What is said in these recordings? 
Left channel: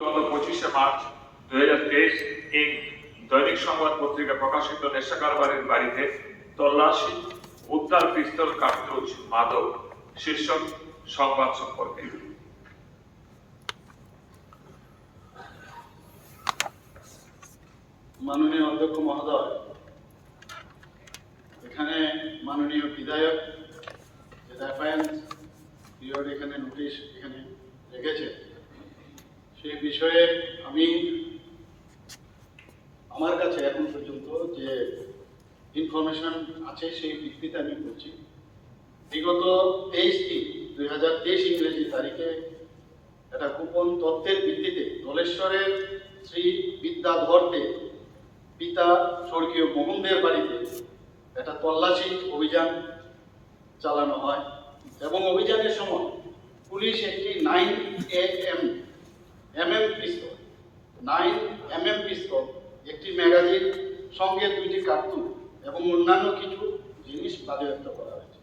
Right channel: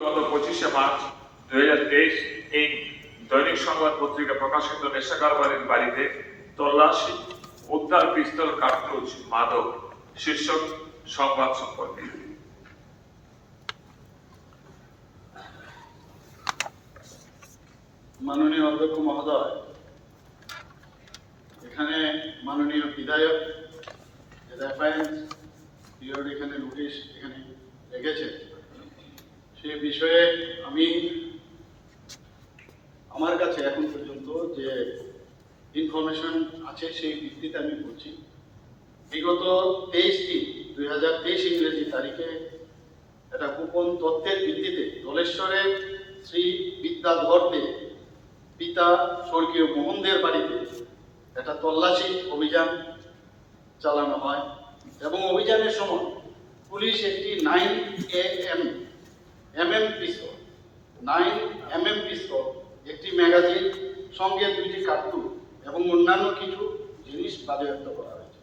গত 25শে মার্চ 2023 এই দৈনিক সংবাদ পত্রিকা প্রকাশিত নেশা কারবারির বাড়িতে তল্লাশি, উদ্ধার পিস্তল, কার্তুজ, মাদক শীর্ষক সংবাদ সম্পর্কে। মাননীয় অধ্যক্ষ মহোদয়, এখানে মাননীয় বিধায়ক এখানে নোটিশ এখানে রেখেছে, সে বিষয়ে আমি আমার কাছে এখন পর্যন্ত যে ইনফরমেশন আছে সেই ভিত্তিতে আমি বলছি। বিগত 23/3/2023 ইংরেজি তারিখে একটা গোপন তথ্যের ভিত্তিতে দলেশ্বরের শ্রী বিদ্যাধরকে পিতা স্বর্গীয় মোহনদের বাড়িতে একটা তল্লাশি অভিযান চালানো হয় এবং অভিযানের সময় পুলিশ একটি 9mm পিস্তল, একটি ম্যাগাজিন, সঙ্গে 2টি কার্তুজ এবং অন্যান্য কিছু জিনিস বাজেয়াপ্ত করা হয়েছে।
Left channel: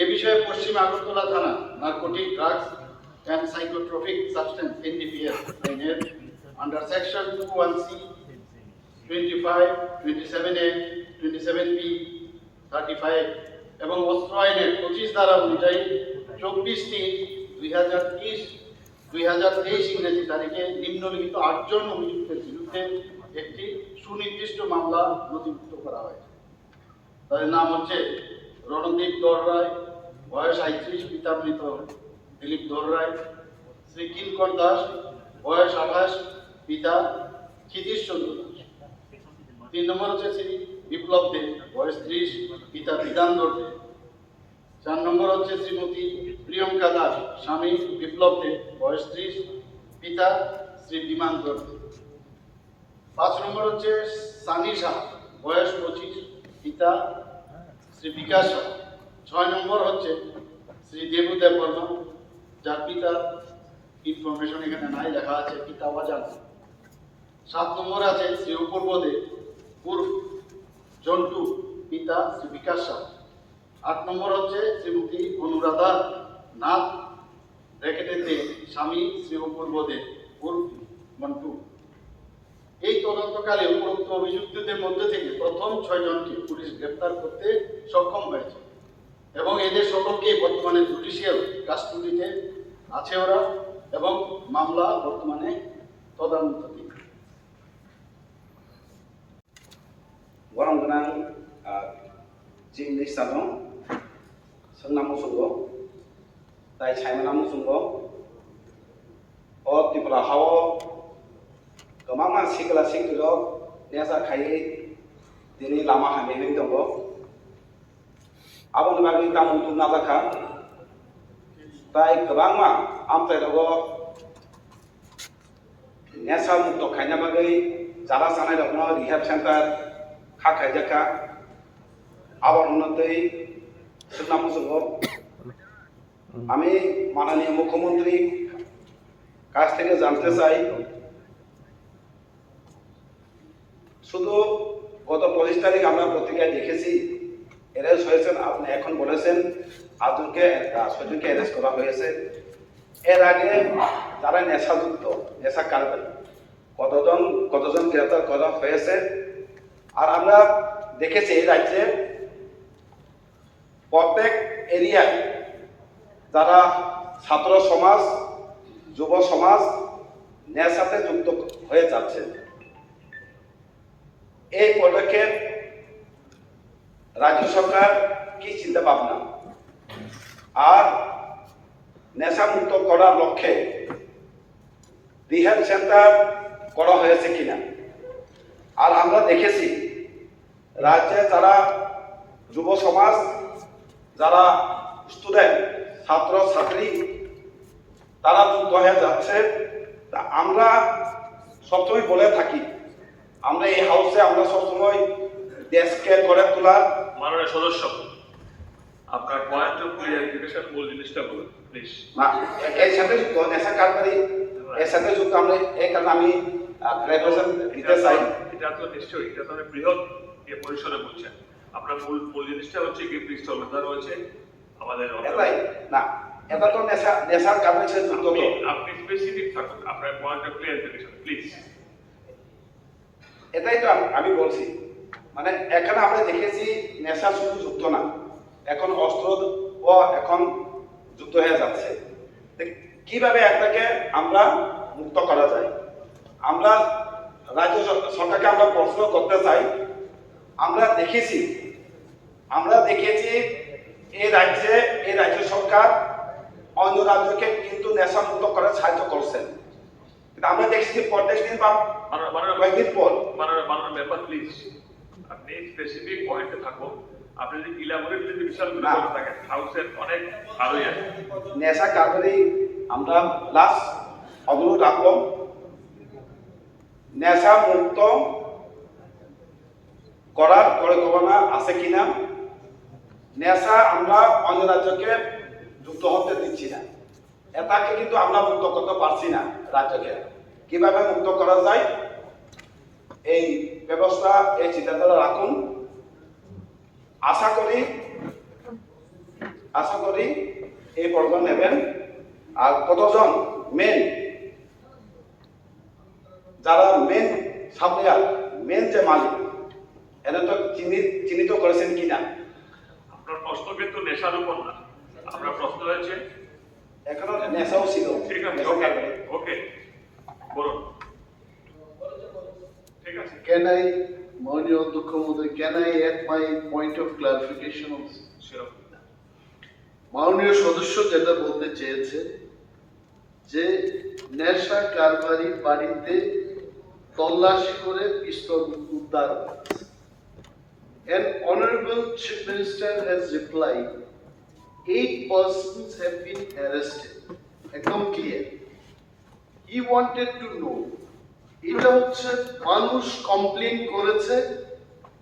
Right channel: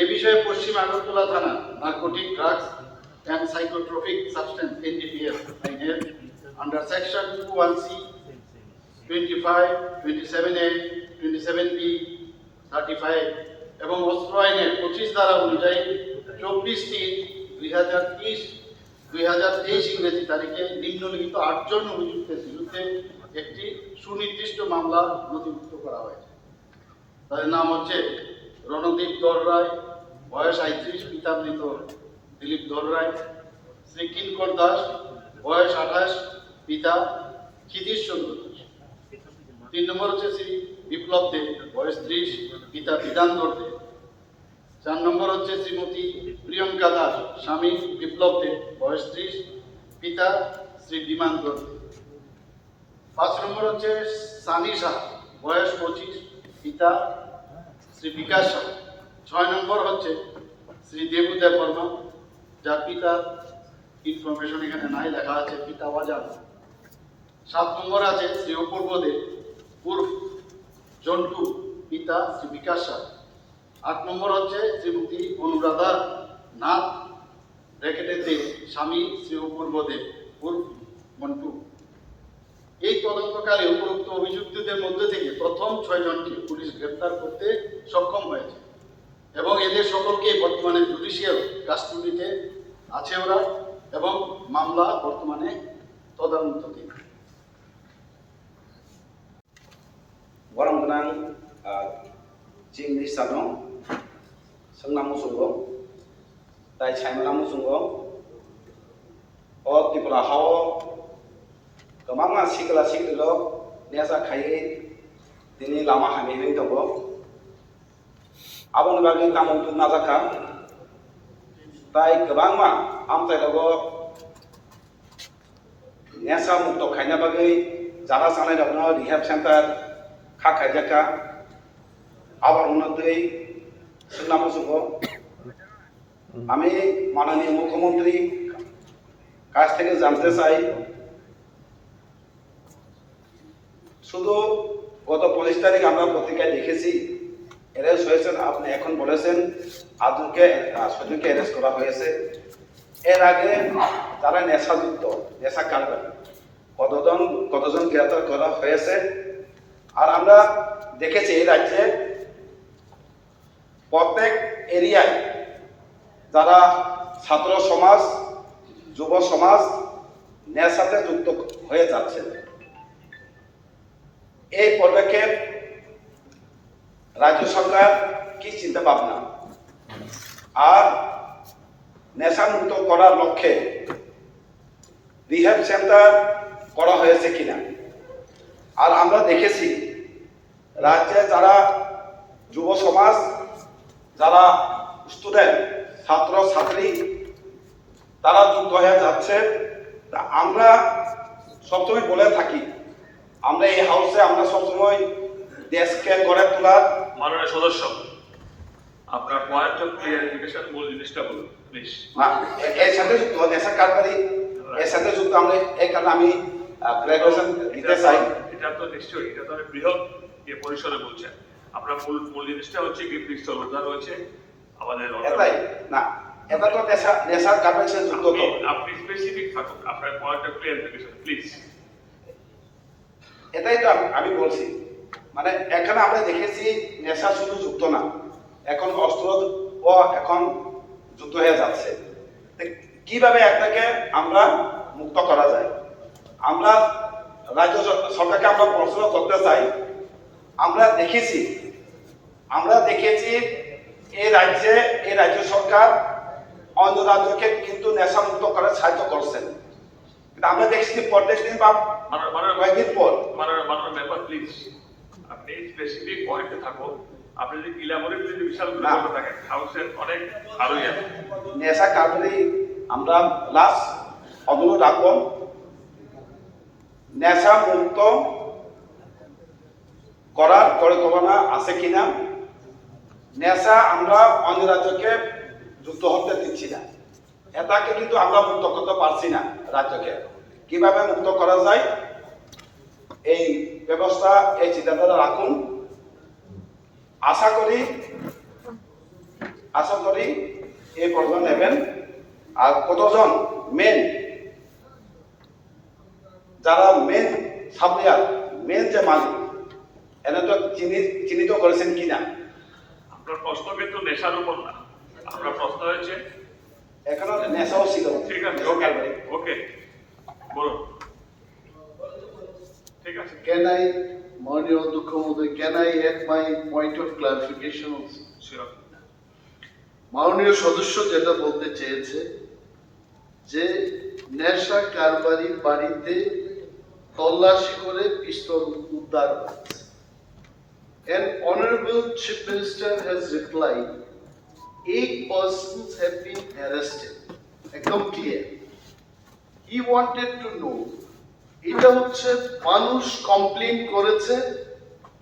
এ বিষয়ে পশ্চিম আগরতলা থানা narcotic, drugs and psychotropic substance NDPS আইনের under section 21C, 25, 27A, 27B, 35 এবং অস্ত্র আইনের 25 ধারা অনুযায়ী 24/3/2023 ইংরেজি তারিখে নিম্নলিখিত 8 জন অভিযুক্তের বিরুদ্ধে একটি সুনির্দিষ্ট মামলা নথিভুক্ত করা হয়েছে। তাদের নাম হচ্ছে রণদীপ দর রায়, বয়স 35, পিতা মৃত দিলীপ দর রায়; শ্রী কিঙ্কর দাস, বয়স 28, পিতা ক্ষিতিশ চন্দ্র দাস; 3 নম্বর হচ্ছে শ্রী বিপ্লব দে, বয়স 30, পিতা বিধান দে; 4 নম্বর হচ্ছে শ্রীমতী প্রিয়ঙ্কা দাস, স্বামী বিপ্লব দে, বয়স 30, পিতা শ্রী বিমান দে; 5 নম্বর হচ্ছে সানি সাহা, বয়স 25, পিতা শ্রী বিকাশ সাহা; 6 নম্বর হচ্ছে শ্রী দেবুদেব বর্মা, যার পিতা ইনফরমেশন এখানে নাই লেখা আছে, পিতা অজানা; 7 নম্বর আছে শ্রী অপূর্ব দে উর্ফ জন্টু, পিতা শ্রী বিকাশ সাহা; 8 নম্বর হচ্ছে শ্রীমতী অনুরাধা নাথ ব্র্যাকেটে দে, স্বামী শ্রী অপূর্ব দে উর্ফ মন্টু। এই তদন্তকালে উপরোক্ত অভিযুক্তদের মধ্যে থেকে প্রথম 6 জনকে পুলিশ গ্রেপ্তার করতে সক্ষম হয়েছে এবং এদের সকলকে বর্তমানে জুডিশিয়াল কাস্টডিতে আছে ওরা এবং মামলা বর্তমানে তদন্তাধীন। Warang benang jing ni sano senam musugo tai chaimana musugo o Tipra hao kemama sikla siklo nesa khai dini lama hane heng dabo abon bagi kamu tu nazaka tai kebangma amtai dabo nesa mukto khainya bagi jara sanai dabo rehab center খাইজাকা আবার উন্নতই সুনাম সঙ্গ। আমি মাননীয় মুখ্যমন্ত্রী কাছ থেকে জানতে চাই, শুধু গত 25 তারিখ আমরা পত্রিকায় দেখেছি অ্যারেস্ট হয়েছেন, আপনি এখন বলেছেন 8জনকে 6জনকে অ্যারেস্ট করা হয়েছে। এর আগে যারা নেশাযুক্ত, নেশা কারবারি কতজন গ্রেপ্তার করা হয়েছে? আর আমরা দেখেছি এই রাজ্যে প্রত্যেক এরিয়ায় যারা ছাত্র সমাজ, যুব সমাজ নেশাতে যুক্ত হয়ে যাচ্ছে। এই পদক্ষেপ রাজ্য সরকার কি চিন্তা ভাবনা আর নেশা মুক্ত করার লক্ষ্যে রিহ্যাব সেন্টার করা হয়েছে কিনা? আর আমরা দেখেছি রাজ্যে যারা যুব সমাজ, যারা স্টুডেন্ট, ছাত্র ছাত্রী তারা যুক্ত হয়ে যাচ্ছে। তা আমরা সবসময় বলে থাকি, আমরা এই হাউসে আমরা সবসময় দেশকে গড়ে তোলার। মাননীয় সদস্য, আপনার পয়েন্ট অফ ক্লিয়ারিফিকেশন মূল জিনিসটা বলুন প্লিজ। না, এর সাথে যুক্ত নেশা কারবারি, এর সাথে যুক্ত আমরা এই কারণে আমি ক্লারিফিকেশন দিতে চাই। এটা তো নিশ্চয়ই, এটা তো বৃহৎ পরিসরে বলছেন। আপনার মূল জিনিসটা হচ্ছে কি পিস্তল উদ্ধার হয়েছে আমাদের এটাই না, এটা তো নেশার গার্মেন্টসের যুক্ত তো। আপনি স্পেসিফিক থাকুন, আপনার পয়েন্ট অফ ক্লিয়ারিফিকেশন প্লিজ। এটাই তো আমি বলছি, মানে এখানে আমরা দেখেছি নেশা শুধু যুক্ত না, এখন অস্ত্র এখন যুক্ত হয়ে যাচ্ছে। কিভাবে এটাকে আমরা মুক্ত করা যায়? আমরা রাজ্য সরকারকে আমরা প্রশ্ন করতে চাই। আমরা দেখেছি এই রাজ্য সরকার অন্য রাজ্যকে কিন্তু নেশা মুক্ত করার সাহায্য করছেন, কিন্তু আমরা দেখছি প্রত্যেক দিন বা কয়েকদিন পর। মেম্বার প্লিজ, আপনি স্পেসিফিক পয়েন্টে থাকুন। আপনি যদি ইলাবোরেট যদি বিশাল বিষয় থাকেন, হাউসের অনেক আরোই আছে। নেশা কারণে আমরা লাস্ট অনুরোধ রাখবো, নেশা মুক্ত করার পরিকল্পনা আছে কিনা। নেশা আমরা অন্য রাজ্যকে যুক্ত হতে দিচ্ছি না, এটাকে কিন্তু আমরা মুক্ত করতে পারছি না রাজ্যকে। কিভাবে মুক্ত করা যায় এই ব্যবস্থা, এই চিন্তাধারা রাখুন। আশা করি এই প্রয়োজন নেবেন। আর কতজন যারা মেন সাপ্লায়ার, মেন যে মালিক, এনে তো চিহ্নিত করেছেন কিনা। আপনার প্রশ্ন কিন্তু নেশার উপর না, আপনার প্রশ্ন হয়েছে এখানে নেশাও ছিল। ঠিক আছে, ওকে বলুন। ঠিক আছে, মাননীয় অধ্যক্ষ মহোদয়, can I add my point of clarification also? Sure. মাননীয় সদস্য যেটা বলতে চেয়েছে যে নেশা কারবারির বাড়িতে তল্লাশি করে পিস্তল উদ্ধার হয়েছে। An honorable chief minister has replied, 8 persons have been arrested. একদম clear. He wanted to know, এটা হচ্ছে মানুষ কমপ্লেইন করেছে,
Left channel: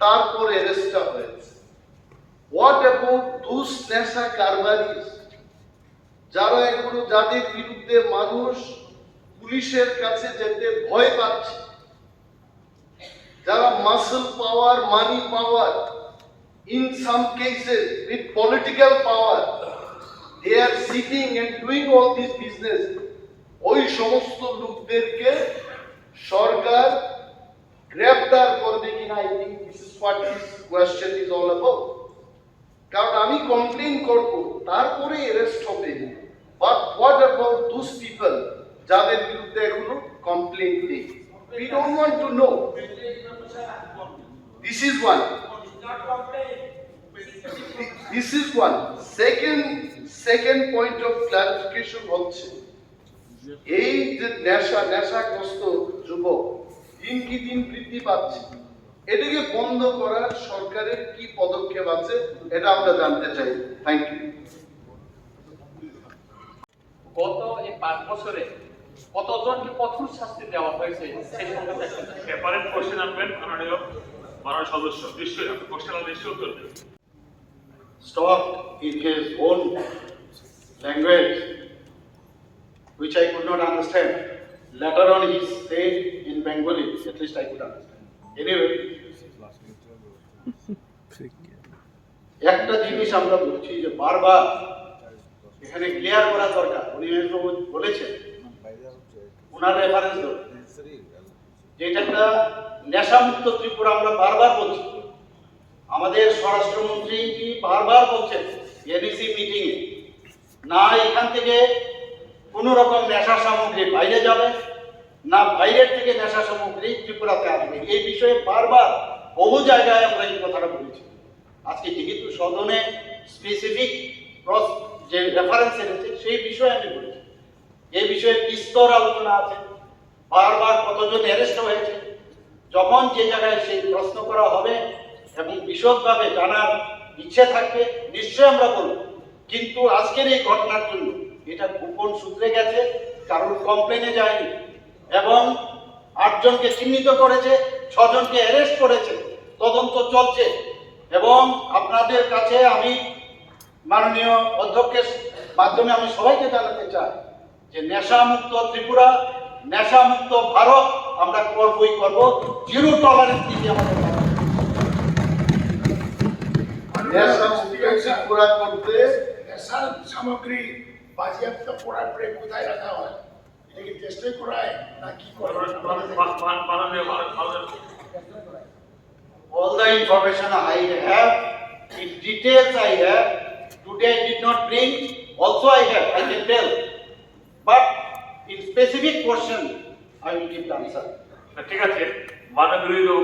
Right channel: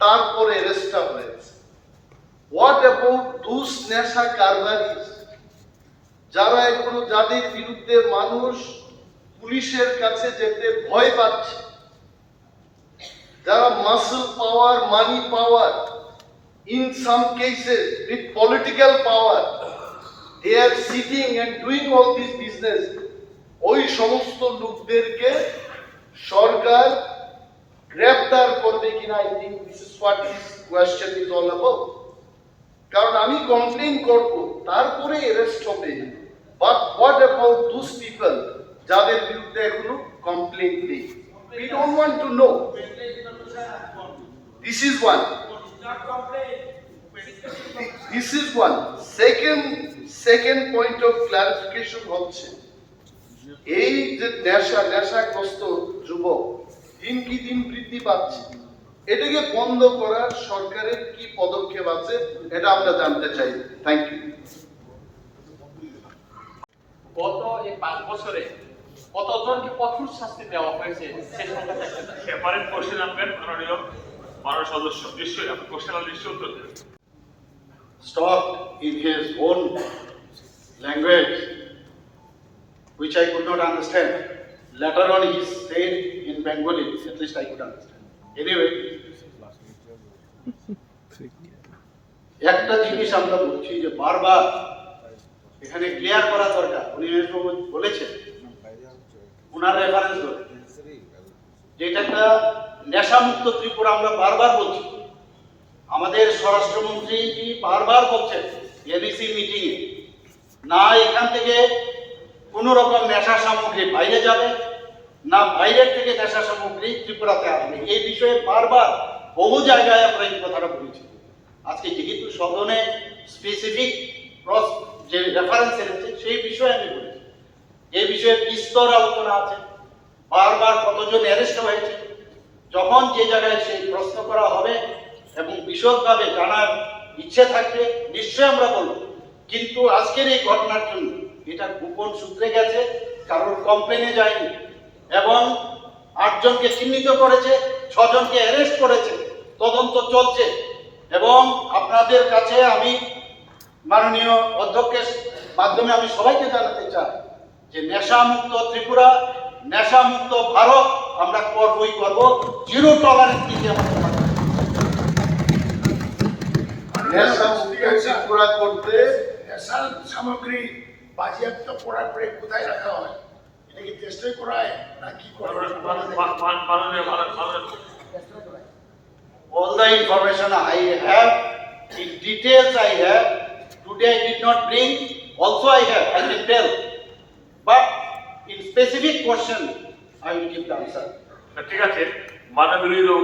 তারপর অ্যারেস্টটা হয়েছে। What about those নেশা কারবারিজ যারা এখনো, যাদের বিরুদ্ধে মানুষ পুলিশের কাছে যেতে ভয় পাচ্ছে, যারা muscle power, money power, in some cases with political power, they are sitting and doing all this business, ওই সমস্ত লোকদেরকে সরকার গ্রেফতার করবে কিনা? I think this is what this question is all about. কারণ আমি কমপ্লেইন করব, তারপরে অ্যারেস্ট হবে, but what about those people যাদের বিরুদ্ধে এখনো কমপ্লেইন নেই? We don't want to know. This is one. This is one. Second point of clarification হচ্ছে, এই যে নেশাগ্রস্ত যুবক দিন কি দিন বৃদ্ধি পাচ্ছে, এটাকে বন্ধ করার সরকারের কি পদক্ষেপ আছে এটা আমরা জানতে চাই। Thank you. গত এই 5 বছরে কতজনকে কঠোর শাস্তি দেওয়া হয়েছে সেই সম্পর্কে সেপারেট কোশ্চেন আনবেন মাননীয় সদস্য, নিশ্চয়ই আপনি কোশ্চেন নিশ্চয়ই উত্তর দেবেন। Stopped in his own language, which I could not understand. Later on he said in Bengali, at least I could understand. Anyway, একটা জিনিস আমরা বলছি যে বারবার এখানে ক্লিয়ার করা দরকার। উনি বলেছেন, উনার রেফারেন্স যেটা একটা নেশামুক্ত ত্রিপুরা আমরা বারবার বলছি। আমাদের স্বরাষ্ট্রমন্ত্রী বারবার বলছেন এনইসি মিটিং এ, না এখান থেকে কোন রকম নেশা সামগ্রী বাইরে যাবে, না বাইরের থেকে নেশা সামগ্রী ত্রিপুরাতে আসবে। এই বিষয়ে বারবার বহু জায়গায় আমরা এই কথাটা বলেছি। আজকে যেহেতু সদনে স্পেসিফিক যে রেফারেন্স এনেছে সেই বিষয়ে আমি বলেছি। এই বিষয়ে বিস্তর আলোচনা আছে, বারবার কতজন অ্যারেস্ট হয়েছে। যখন যে জায়গায় সেই প্রশ্ন করা হবে এবং বিশদভাবে জানার ইচ্ছে থাকলে নিশ্চয়ই আমরা বলব। কিন্তু আজকের এই ঘটনার জন্য এটা গোপন সূত্রে গেছে, কারণ কমপ্লেনে যায়নি এবং 8 জনকে চিহ্নিত করেছে, 6 জনকে অ্যারেস্ট করেছে, তদন্ত চলছে। এবং আপনাদের কাছে আমি মাননীয় অধ্যক্ষের মাধ্যমে আমি সবাইকে জানাতে চাই যে নেশামুক্ত ত্রিপুরা, নেশামুক্ত ভারত আমরা করবই করব, জিরো টলারেন্স দিতে আমাদের নেশার সামগ্রী বাজেয়াপ্ত করার পরে কোথায় রাখা হয়? এটা কি টেস্টে করায় না কি করা হয়? All the information I have, in details I have, today I did not bring, also I have, I can tell. But in specific question, I will give the answer. ঠিক আছে, মাননীয়